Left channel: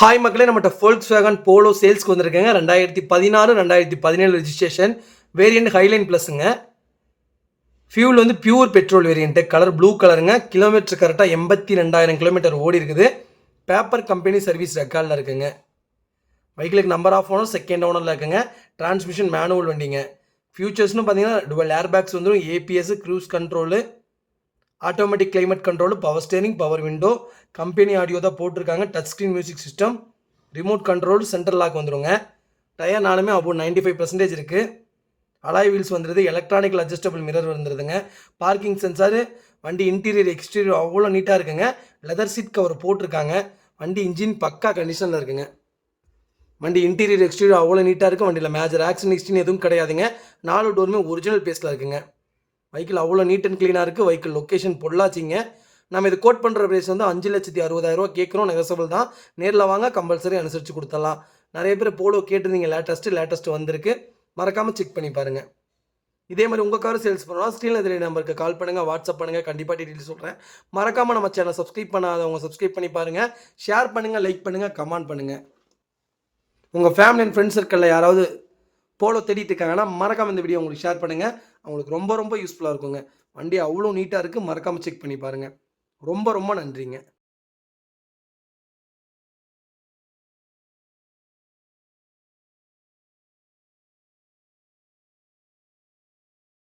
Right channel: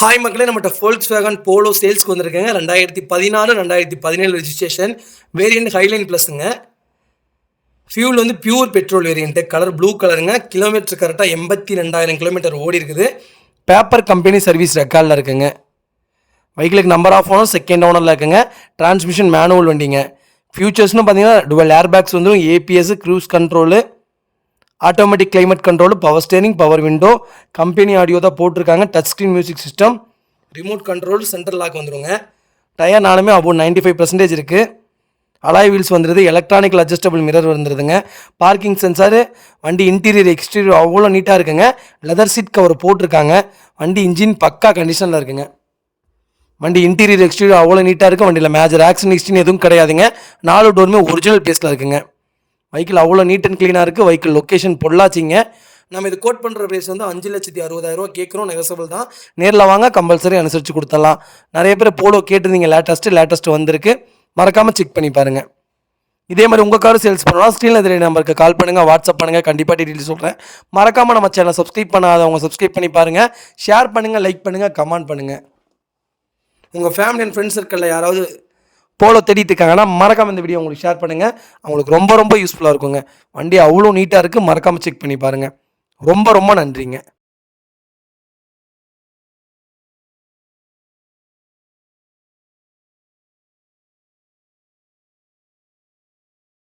Hi மக்களே, நம்மகிட்ட Volkswagen Polo சேல்ஸ்க்கு வந்திருக்கேங்க. 2016 2017 ரெஜிஸ்ட்ரேஷன், வேரியண்ட் ஹைலைன் ப்ளஸ்ங்க. ஃபியூல் வந்து pure petrol variant, colour blue கலருங்க. கிலோமீட்டர் கரெக்டாக 82,000 கிலோமீட்டர் ஓடி இருக்குது. பேப்பர் கம்பெனி சர்வீஸ் ரெக்கார்டில் இருக்குங்க. வெஹிக்கிளுக்கு நம்பர் ஆஃப் ஓனர் செகண்ட் ஓனரில் இருக்குங்க. டிரான்ஸ்மிஷன் மேனுவல் வண்டிங்க. ஃபியூச்சர்ஸ்னு பார்த்தீங்கன்னா டுவல் ஏர் பேக்ஸ் வந்துடும், ABS, cruise control, automatic climate control, power steering, power window, company audio தான் போட்டிருக்காங்க. Touch screen music system, remote control, central lock வந்துடுங்க. டயர் நாலுமே அபவுட் 95% இருக்குது. அலாய் வீல்ஸ் வந்துடுது. எலக்ட்ரானிக்கல் அட்ஜஸ்டபிள் மிரர் வந்துடுதுங்க. பார்க்கிங் சென்சாரு, வண்டி interior exterior அவ்வளோ நீட்டாக இருக்குங்க. லெதர் சீட் கவர் போட்டிருக்காங்க. வண்டி இன்ஜின் பக்கா கண்டிஷனில் இருக்குங்க. வண்டி இன்டீரியர் எக்ஸ்டீரியர் அவ்வளோ நீட்டாக இருக்குது. வண்டியில் மேஜர் ஆக்சிடென்ட் ஹிஸ்ட்ரி எதுவும் கிடையாதுங்க. 4 டோருமே ஒரிஜினல் பேஸில் இருக்குங்க. வெஹிக்கிள் அவ்வளோ நீட் அண்ட் க்ளீனாக இருக்குது. வெஹிக்கிள் லொக்கேஷன் பொள்ளாச்சிங்க. நம்ம இது கோட் பண்ணுற ப்ரைஸ் வந்து 5,60,000 கேட்குறோம். நெகசபிள் தான். நேரில் வாங்க, கம்பல்சரி அனுசரித்து கொடுத்துடலாம். நிறைய பேர் போலோ கேட்டிருந்தீங்க. லேட்டஸ்ட்டு வந்திருக்கு. மறக்காமல் செக் பண்ணி பாருங்கள். இதே மாதிரி உங்கள் காரும் சேல்ஸ் பண்ணலாம். ஸ்க்ரீனில் தெரிய நம்பருக்கு கால் பண்ணுங்கள், வாட்ஸ்அப் பண்ணுங்கள். கண்டிப்பாக டீட்டெயில் சொல்கிறேன். மறக்காமல் நம்ம சேனலை சப்ஸ்கிரைப் பண்ணாதவங்க சப்ஸ்கிரைப் பண்ணி பாருங்கள். ஷேர் பண்ணுங்கள், லைக் பண்ணுங்கள், கமெண்ட் பண்ணுங்கள். உங்கள் ஃபேமிலி அண்ட் ஃப்ரெண்ட்ஸ் சர்க்கிளில் யாராவது போலோ தேடிட்டு இருக்காங்கன்னா மறக்காமல் இந்த வீடியோ உங்களுக்கு ஷேர் பண்ணுங்கள். அவங்களுக்கு ரொம்ப ரொம்ப யூஸ்ஃபுல்லாக இருக்குங்க. வண்டி அவ்வளோ நீட்டாக இருக்குது. மறக்காமல் செக் பண்ணி பாருங்கள். ரொம்ப ரொம்ப நன்றிங்க.